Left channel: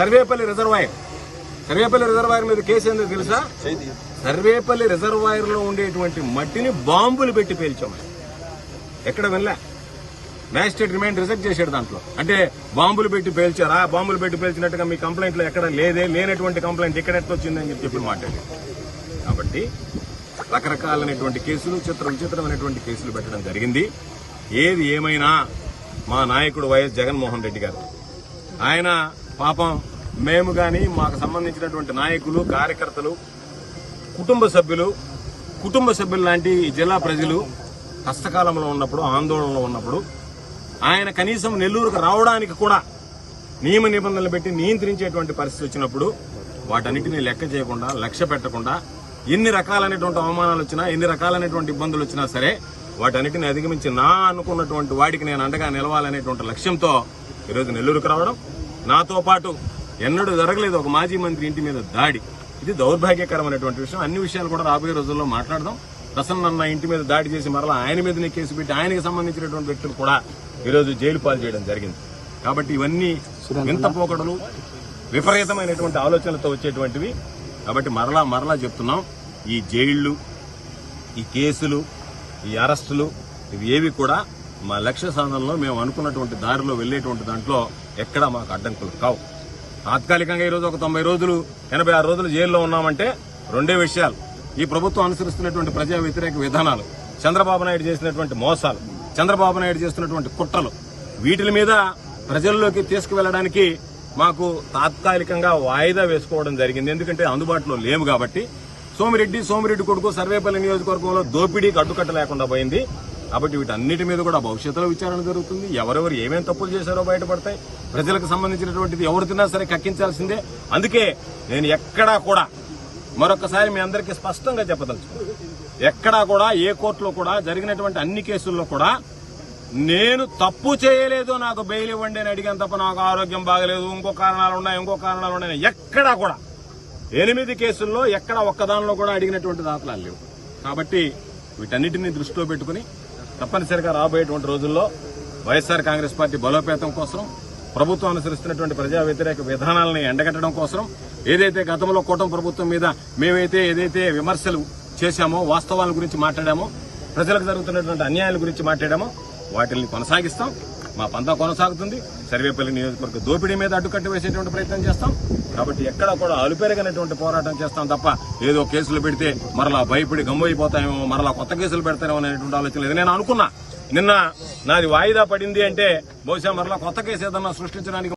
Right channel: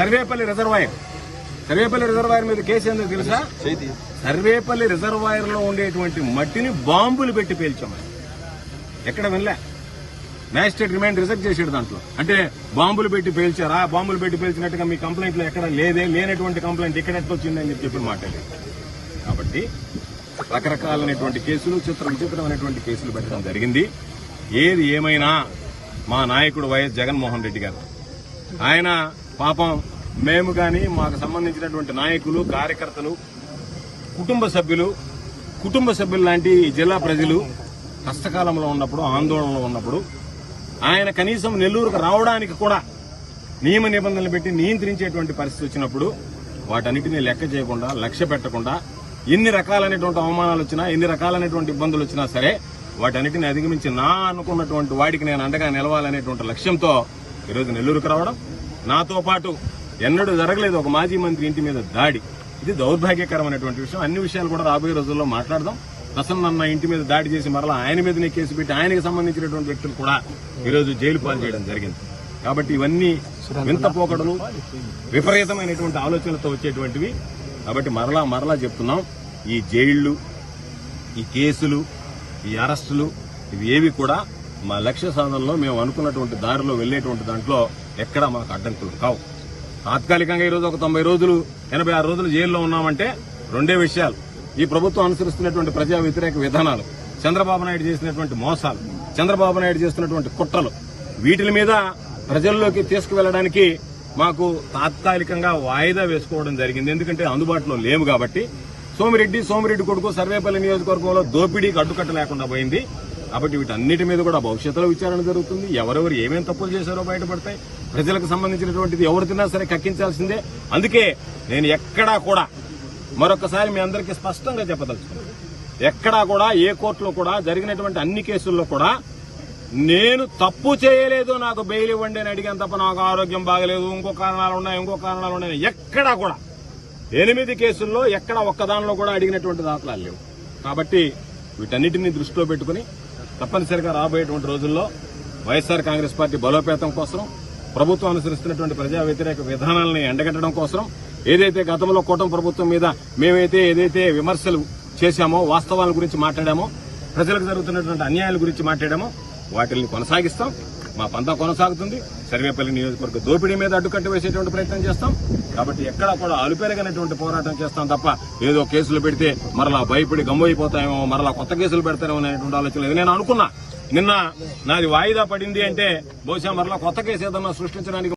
Sarvepalli reservoir మీద case ఏందో తెలుసా? సర్వేపల్లి రిజర్వాయర్ లో ఉండేటువంటి మట్టిని బాంబులు పెట్టి పేల్చామని ఎక్కడ వినలే. మ్యాజిస్ట్రేట్ రిమాండ్ రిజెక్ట్ చేశాడు దాంట్లో. అంటే బాంబులు పెట్టి పేల్చారా? బాంబులు పెట్టి పేల్చినట్టుగా మీ కంప్లైంట్ లో ఎక్కడ లేనటువంటి కంప్లైంట్ ఇక్కడ ఎట్టొచ్చిందని చెప్పి మాట్లాడాడు. కాబట్టి రకరకాలైనటువంటి కేసులు, విచిత్రమైనటువంటి కేసులు పెట్టడం జరిగింది. ఏది ఏమైనా మా నాయకుడు వైఎస్ జగన్మోహన్ రెడ్డి గారు, ఆయన పాపం మేము గాని మాకు సంబంధించినటువంటి నాయకులు, కార్యకర్తలు, కుటుంబ సభ్యులు లాంటి జిల్లా ప్రజలు కష్టకాలంలో ఉన్నప్పుడు, ఆందోళనలో ఉన్నప్పుడు ఆయన కనీసం నెల్లూరుకు రావడానికి కూడా నియమ నిబంధనలు పెట్టి నియంత్రించేటువంటి పరిస్థితి వచ్చినప్పుడు వాటన్నిటినీ లెక్క చేయకుండా, లక్ష్య పెట్టకుండా, ఎన్ని రకాలైనటువంటి అవమానాలు వచ్చినా, ఎన్ని రకాలైనటువంటి ఇబ్బందులు వచ్చినా సరే వాటన్నిటిని అధిగమించి నా అనుకున్నటువంటి వాడికి నేను అండగా నిలవాలనేటువంటి లక్ష్యంతో ఈరోజు నెల్లూరుకు రావడం. నాతో పాటు ఎన్నడూ జరగలేదు ఒక మాజీ మంత్రి ఇంటి మీద దాడి. ఇది దౌర్భాగ్యకరమైనటువంటి విషయం. అన్ని విషయాలు కూడా రాబోయే రోజుల్లో మాట్లాడదాం. ప్రసన్న ఇంటి మీద దాడి చేసి మరలా ఆయన మీదనే కేసు పెట్టి ఆయనకు సంబంధించినటువంటి వ్యక్తులు కూడా ఈరోజు జైలు పాలు చేయడం జరిగింది. కాబట్టి ఇవన్నీ వింత పోకడలు, విపరీతమైనటువంటి ఆలోచనలతో వచ్చేటువంటివి. కాబట్టి మరలా చెప్తున్నాం, ఈ జైళ్లు, ఈ కేసులు, ఈ అరెస్టులు ఇవి ఏవి కూడా మా లక్ష్య సాధనలో మేము అనుకున్నటువంటి దారిలో వెళ్లేటువంటి దాంట్లో ఎక్కడా మాకు అడ్డంకులు కావు. తాత్కాలికంగా ఈరోజు ఒక 90 రోజులు, 86 రోజులు జైల్లో ఉన్నామంటే రెండే విషయాలు: ఈ ప్రభుత్వం అనుసరిస్తున్నటువంటి ప్రజా వ్యతిరేక విధానాలు, చంద్రబాబు నాయుడు చేసినటువంటి మోసాలు, చంద్రబాబు నాయుడు చేస్తున్నటువంటి కుట్రలు, వీటి మీద ప్రజల్లోకి తీసుకువెళ్లడానికి మాకు తాత్కాలికంగా వాయిదా వేసుకోవడం జరిగింది. ఎందుకంటే అందుబాటులో లేవు కాబట్టి. సోమిరెడ్డి కొడుకు సర్వేపల్లి నియోజకవర్గంలో దోపిడీకి అడ్డుకట్ట లేకుండా పోయింది. కాబట్టి వీటన్నిటి మీద కూడా భవిష్యత్తులో విచారణ జరుగుతుంది. ఎవరెవరు ఏమేం తప్పులు చేశారో బయటపడతాయి. ప్రజలకు సంబంధించినటువంటిది ఎవరు తిన్నా సరే కక్కించాల్సిందే. అందుకే నేను ఎక్కడా కూడా మరొకసారి మీ అందరికీ స్పష్టంగా చెప్పదలుచుకున్నాను, ఎక్కడా కూడా ఏ కోర్టులో కూడా జరిగినటువంటి అన్ని కేసుల్లో కూడా నేను తప్పు చేయలేదు, నాకు బెయిల్ ఇవ్వండి అని అడిగాను తప్ప నాకు ఆరోగ్యం బాగలేదు, ఇంకో కారణాలు ఉన్నాయి ఎక్కడా కూడా 8 కేసుల్లో ఎక్కడ ఒక్కదానిలో కూడా అడిగినటువంటి దాఖలాలు లేవు. కాబట్టి వీటన్నిటినీ దృష్టిలో పెట్టుకుని తప్పనిసరిగా రాబోయేటువంటి రోజుల్లో వైఎస్ఆర్ కాంగ్రెస్ పార్టీ బలోపేతం కోసం, ప్రభుత్వం అనుసరిస్తున్నటువంటి ప్రజా వ్యతిరేక విధానాలను ఎండగట్టడం కోసం, ఏదైతే గతంలో కూటమి ప్రభుత్వం మీద ఏదైతే విమర్శలు చేశామో, వాస్తవాల గురించి మాట్లాడామో, ప్రజలకు జరుగుతున్నటువంటి అన్యాయాల గురించి మాట్లాడామో వాటిని కొనసాగిస్తాం. మా పంతా కొనసాగుతుంది. సర్వేపల్లి నియోజకవర్గ దోపిడీ మీద అడ్డుకట్ట వేసేటువంటి ప్రయత్నం చేస్తాం. కాబట్టి ఎక్కడా కూడా అలుపెరగనటువంటి పోరాటం చేస్తాం తప్ప ఏదో కేసులు పెడితే మరలా భయపడి గమ్మైపోతాయేమో, మరలా కొత్త కేసులు పెడతారేమో అనేటువంటి ఆలోచన లేదు. నేను అనుకున్నా నిన్న నాది వాయిదా పడింది అంటే బహుశా మరలా కొత్త కేసు ఏదన్నా సృష్టించడానికి